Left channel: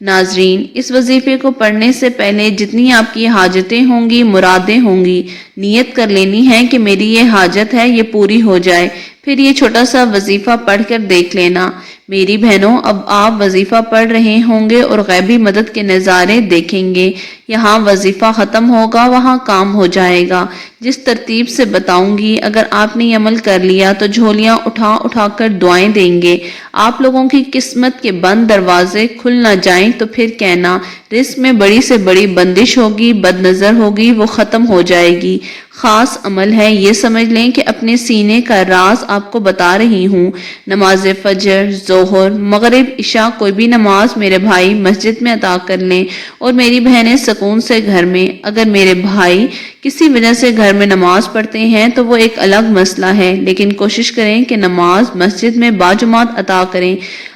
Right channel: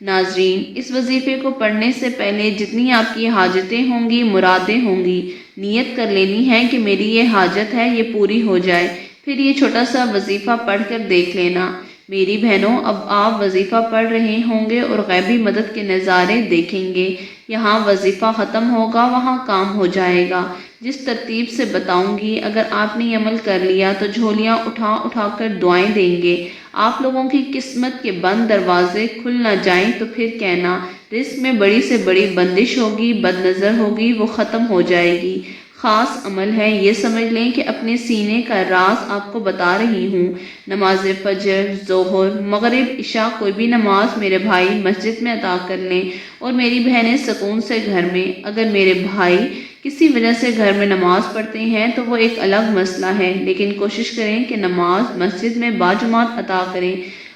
ناظرین، اس وظیفے کو پڑھنے سے پہلے جتنی آپ کی حاجتیں ہوں گی، مرادیں ہوں گی، نیت کر لینی ہے کہ میری یہ حاجت ہے، یہ پوری ہو جائے۔ پھر یہ چھوٹا سا وظیفہ پڑھ کر دیکھ لینا۔ میری بہنوں، اب آپ وظیفہ پڑھ رہے ہوں گے اور غیبی مدد کے نظارے دیکھیں گے۔ یہاں وظیفہ ختم ہوگا، وہاں کام ہو جائے گا۔ جس ترتیب سے بتاؤں گی، اگر آپ نے عمل کر لیا تو جھولیاں اٹھا اٹھا کر دعائیں دیں گے۔ آپ لوگوں کی قسمت کے بند دروازے کھل نہ جائیں تو پھر کہنا، رزق میں بڑی سے بڑی بندش ہوگی، بد نظر ہوگی، وہ ختم ہو جائے گی۔ خاص عمل ہے، یہ سمجھ لیں کہ اپنے سینے کا راز آپ کو بتا رہی ہوں۔ نماز فجر، ظہر، مغرب، عشاء کوئی بھی نماز میرے بھائی مسجد میں ادا کر لیں اور میری بہنیں سکون سے گھر میں۔ اگر میرے بھائی کسی وجہ سے گھر میں نماز پڑھتے ہیں تو وہ ایک الگ مسئلہ ہے، لیکن کوشش کریں کہ نماز مسجد میں باجماعت ادا کریں۔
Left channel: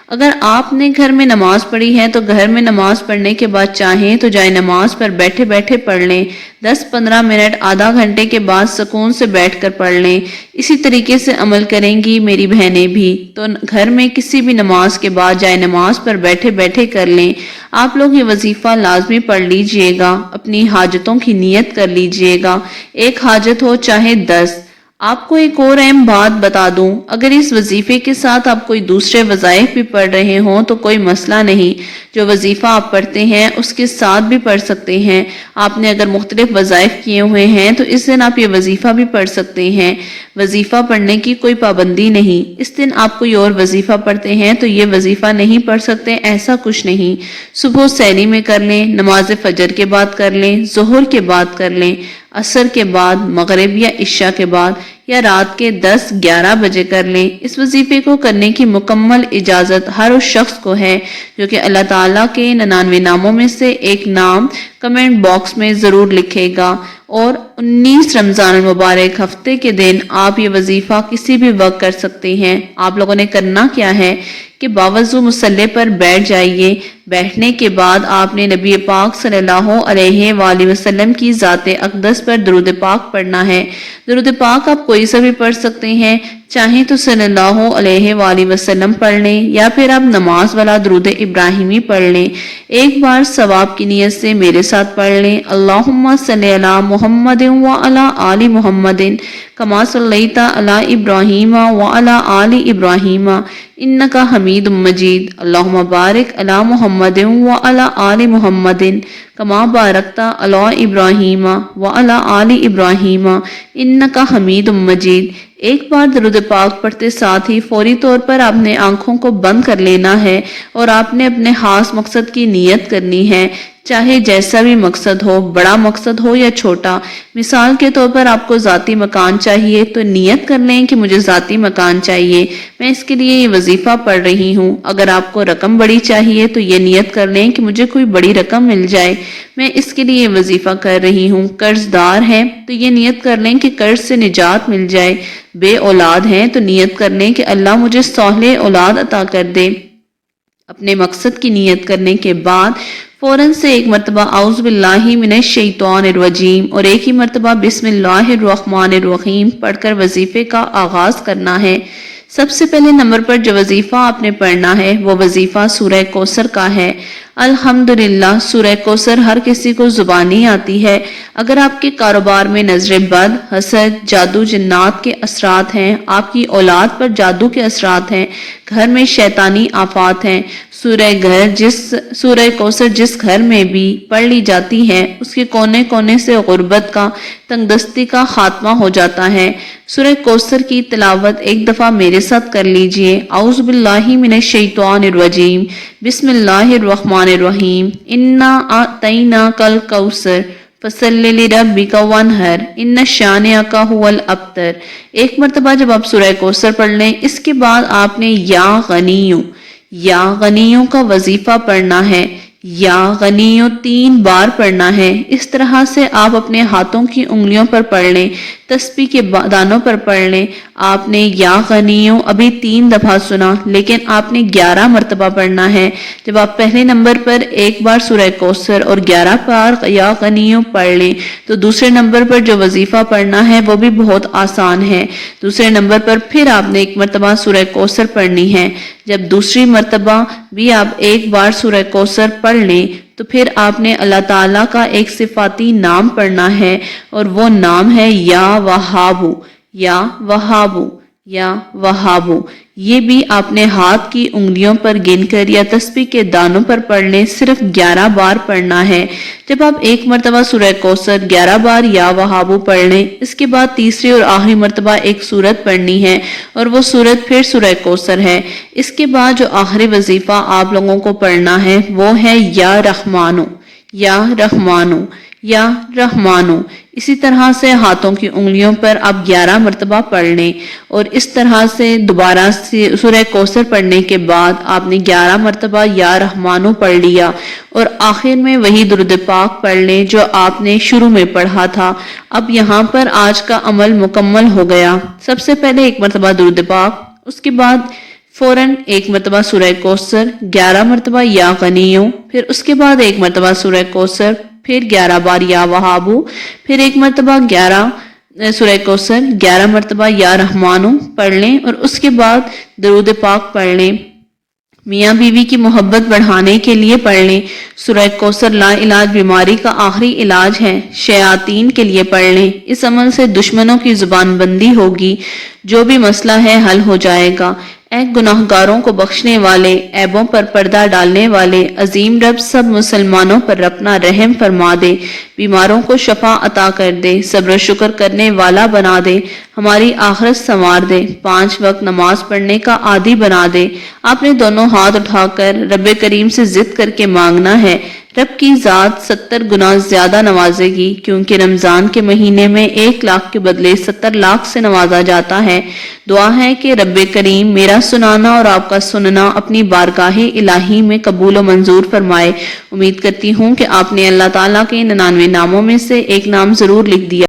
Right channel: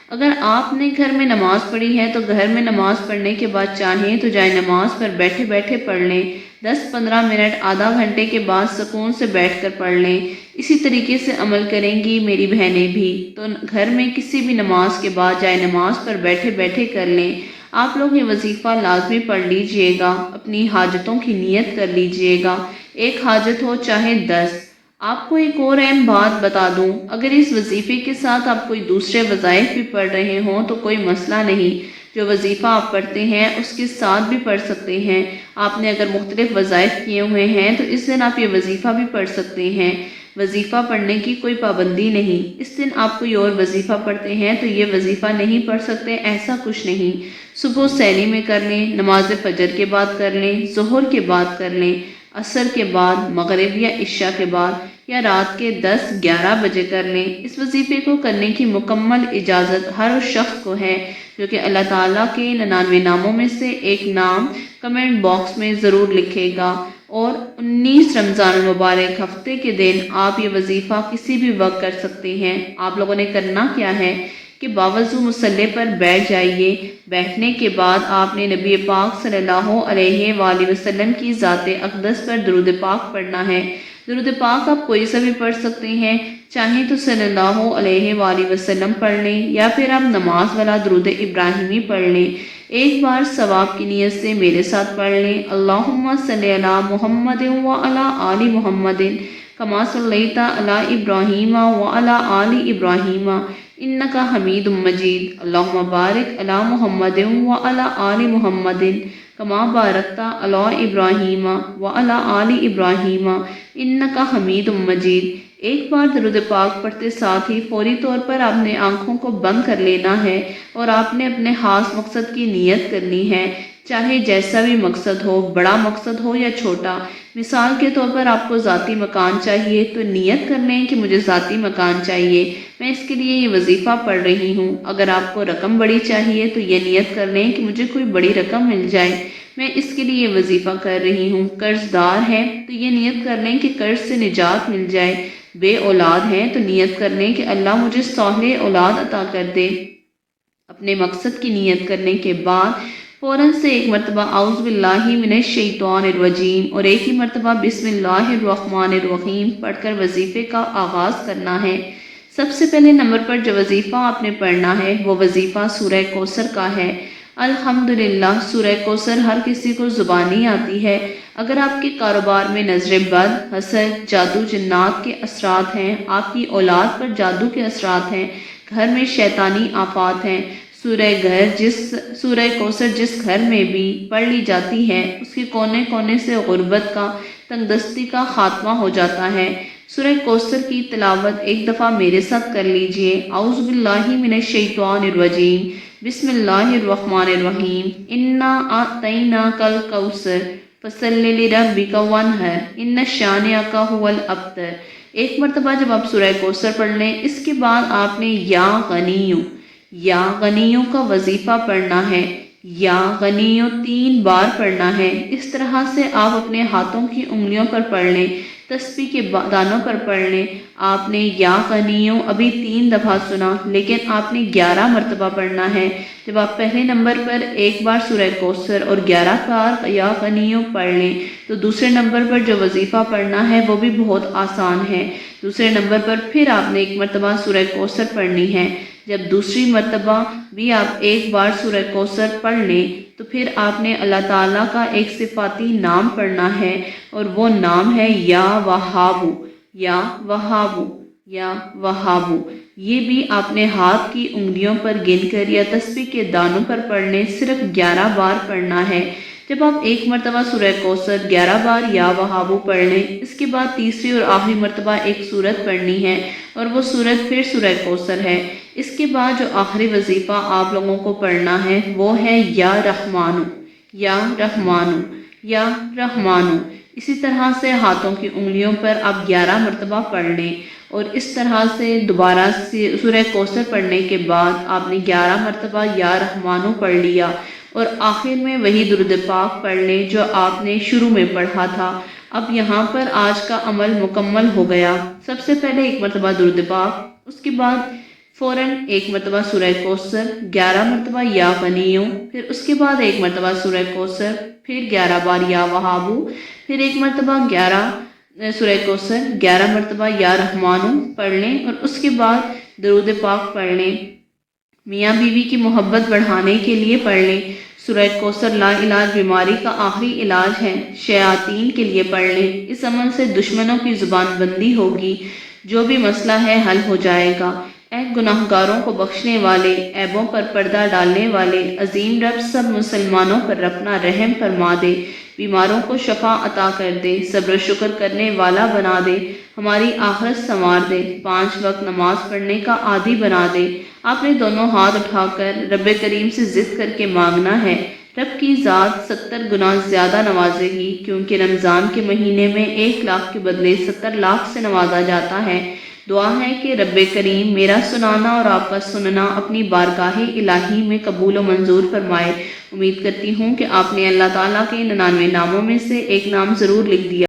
اگر آپ نے گھر میں نماز پڑھی ہے تو گھر میں نماز پڑھنے کے بعد چاہیں تو جائے نماز پر بیٹھے بیٹھے پڑھ لیں۔ 10-15 منٹ، آدھا گھنٹے کے بعد سکون سے بیٹھ کر پڑھ لیں۔ اسی طریقے سے عمل کریں گی میری بہنیں بھی، تو گھر میں کسی بھی نماز کے بعد جائے نماز پر بیٹھے بیٹھے کر لیں۔ آپ لوگ یہ وظیفہ لازمی پڑھ لیجئے گا، اپنی حاجتوں کی نیت کر لیجئے گا، ایک حاجت ہو چاہے 10۔ آپ کو ایک اور اہم بات بتا دوں، اگر اس وظیفے کے ساتھ آپ کوئی دوسرے وظائف بھی پڑھ رہے ہوں تو کوئی مسئلہ نہیں، جو وظیفہ آپ پڑھتے ہیں اس کے ساتھ بھی پڑھ سکتے ہیں۔ آپ نے اگر مختلف وظائف کیے ہوئے ہیں تو اس دن آپ یہ وظیفہ بھی پڑھ سکتے ہیں۔ وظیفہ پڑھنے کی کوئی پابندی نہیں، اس دن آپ کوئی اور وظیفہ پڑھتے ہیں تو یہ وظیفہ نہیں پڑھ سکتے، ایسا کچھ نہیں۔ صبح سحری میں کر لیں، نماز فجر کے بعد کر لیں، ظہر کے بعد کر لیں، عصر کے بعد، مغرب یا عشاء کے بعد، یا رات کے 10-11 بجے کر لیں۔ اس وظیفے کو کرنے کی مکمل اجازت ہر اس شخص کو ہے جو کہ اللہ تعالیٰ کے 99 ناموں میں سے ایک نام کمنٹ باکس میں ضرور لکھے گا۔ اور 19 رمضان المبارک ہفتے کے دن آپ یہ وظیفہ کسی بھی وقت کر سکتے ہیں۔ آپ لوگوں نے کرنا کیا ہے کہ باوضو مصلی پر بیٹھ جائیے۔ بیٹھنے کے بعد آپ نے نبی پاک صلی اللہ علیہ وآلہ وسلم کی ذات اقدس پر درود پاک پڑھنا ہے۔ درود پاک آپ کوئی سا بھی پڑھ سکتے ہیں، چاہیں تو صلی اللہ علیہ وآلہ وسلم پڑھ لیں یا پھر آپ نماز والا درود ابراہیمی پڑھ لیں۔ ایک بار ثواب کی نیت سے میرے ساتھ پڑھ لیں، اللہم صلی علی محمد وعلی آل محمد کما صلیت علی ابراہیم وعلی آل ابراہیم انک حمید مجید، اللہم بارک علی محمد وعلی آل محمد کما بارکت علی ابراہیم وعلی آل ابراہیم انک حمید مجید۔ ایک بار درود پاک پڑھتے ساتھ ہی فوری طور پر آپ نے آنکھوں کو بند کر لینا ہے اور آپ نے اپنے خاص مقصد کی نیت کرنی ہے، چاہے جیسا بھی مقصد ہو، بڑا مقصد ہو یا چھوٹا۔ مثال کے طور پر آپ کو ذاتی مکان چاہیے تو نیت کر لیں کہ مجھے ذاتی مکان چاہیے، میں اس کے لیے یہ وظیفہ پڑھ رہی ہوں۔ اگر آپ کو رقم بڑی چاہیے تو یہ نیت کر لیں کہ مجھے کوئی بڑی رقم مل جائے، میں اس کے لیے یہ وظیفہ کر رہی ہوں۔ قرض دار ہے تو یہ نیت کر لیں کہ قرض سے نجات مل جائے۔ بے اولاد ہیں تو نیت کر لیں کہ اللہ مجھے صالح اولاد عطا کر دے۔ اپنے مقصد کی نیت کرنے کے بعد فوراً سے ایک مرتبہ اعوذ باللہ من الشیطان الرجیم اور ایک ہی مرتبہ بسم اللہ الرحمن الرحیم پڑھ کر وظیفے کا آغاز کرنا ہے۔ سب سے پہلے نمبر پر جو وظیفہ آپ نے پڑھنا ہے وہ وظیفہ سورہ کوثر کا ہے۔ الحمدللہ سورہ کوثر ہر کسی کو زبانی آتی ہے۔ اگر آپ کے کاروبار میں نظر بد، حسد، جادو جنات کے اثرات ہیں، آپ کی اولاد پر جادو کے اثرات ہیں، گھر میں شیطانی آفات ہیں، سورہ کوثر جس گھر میں بھی پڑھ لی جاتی ہے اس کے کونے کونے سے غربت کا، تنگ دستی کا خاتمہ ہو جاتا ہے۔ سورہ کوثر کی تلاوت ایک دفعہ میرے ساتھ کر لیجئے۔ اعوذ باللہ من الشیطان الرجیم، بسم اللہ الرحمن الرحیم، انا اعطیناک الکوثر فصلی لربک وانحر ان شانئک ھو الابتر۔ ایک مرتبہ جب آپ سورہ کوثر پڑھ لیں، اس کے بعد آپ نے یا غنیوں کا وظیفہ پڑھنا ہے۔ یا غنیوں 3 بار پڑھنا ہے۔ اس طرح سے آپ اپنے ہاتھوں کی انگلیوں پر پڑھ لیں، تسبیح کے دانوں پر پڑھ لیں۔ آپ نے یا غنیوں ابھی 3 دفعہ سنا، لیکن آپ نے 11 مرتبہ پڑھنا ہے۔ جب آپ پہلے نمبر پر ایک بار سورہ کوثر اور 11 بار یا غنیوں پڑھ لیں تو دوسرے نمبر پر جو وظیفہ پڑھنا ہے وہ بھی بہت آسان ہے۔ دوسرے نمبر پر پھر آپ نے ایک مرتبہ سورہ کوثر پڑھنی ہے۔ جب دوسری مرتبہ بھی آپ ایک بار سورہ کوثر پڑھ لیں تو پھر آپ نے اللہ تعالیٰ کا ایک صفاتی نام پڑھنا ہے، اور وہ نام ہے یا وہابو، یا وہابو، یا وہابو۔ یہ بھی آپ نے ہاتھ کی انگلیوں پر گن کر یا تسبیح کے دانوں پر پڑھ لیں، صرف 11 بار پڑھنا ہے۔ جب آپ ایک مرتبہ سورہ کوثر 11 بار یا وہابو پڑھ لیں، اس کے بعد تیسری اور آخری مرتبہ ایک سورت پڑھنی ہے، اور وہ سورت پھر سورہ کوثر ہے۔ اس کے بعد جو آخری وظیفہ آپ لوگوں کو پڑھنا ہے وہ ہے یا رحمانو، یا رحمانو، یا رحمانو۔ اسی طرح سے ہاتھوں کی انگلیوں پر آپ 11 مرتبہ پڑھ لیں، اور اس طرح سے دوبارہ سورہ کوثر پڑھنے کے بعد آپ نے 11 مرتبہ یا رحمانو پڑھ لیا، اور آخر میں وہی درود پاک پڑھ لیں جو آپ نے شروع میں پڑھا تھا۔ اب یہاں پر آج کا عمل مکمل ہو گیا۔ سب سے پہلے ایک مرتبہ درود پاک، اس کے بعد فوراً ایک مرتبہ سورہ کوثر، 11 مرتبہ یا غنیوں، پھر اس کے بعد ایک مرتبہ سورہ کوثر، پھر 11 بار یا وہابو، پھر ایک مرتبہ سورہ کوثر، 11 مرتبہ یا رحمانو پڑھ لیں، اور اس کے بعد درود پاک پڑھ لیں۔ میاں بیوی کی محبت بڑھانے کے لیے پڑھ لیں۔ سورہ کوثر لا علاج بیماری کا آخری علاج ہے، شیاطین کے لیے پڑھ لیں۔ اس عمل سے دشمنوں کی زبان بندی ہوگی، جو بھی مسئلہ ہے حل ہو جائے گا۔ اے گناہگاروں کو بخشنے والے، عیبوں پر پردہ ڈالنے والے عظیم رب، سب مسلمانوں پر اپنا رحم فرما دے، بیماروں کو شفا عطا کر دے، صبر و شکر کرنے والا بنا دے، ہماری آخرت سنوار دے، 5 وقت نماز پڑھنے کا عادی بنا دے۔ آپ نے دونوں ہاتھ اٹھا کر رب کریم سے ضد کر کے مانگنا ہے، رب کی ذات 70 گنا زیادہ نوازے گی، کیونکہ رمضان کے مہینے میں 1 لاکھ کے بدلے 70 لاکھ سے نوازا جاتا ہے۔ دعا ہے کہ رب کریم میرا سنانا اور آپ کا سننا اپنی بارگاہ الہی میں قبول و منظور فرمائے۔ امید کرتی ہوں کہ آپ نے اللہ تعالیٰ کے 99 ناموں میں سے ایک نام ضرور لکھ دیا۔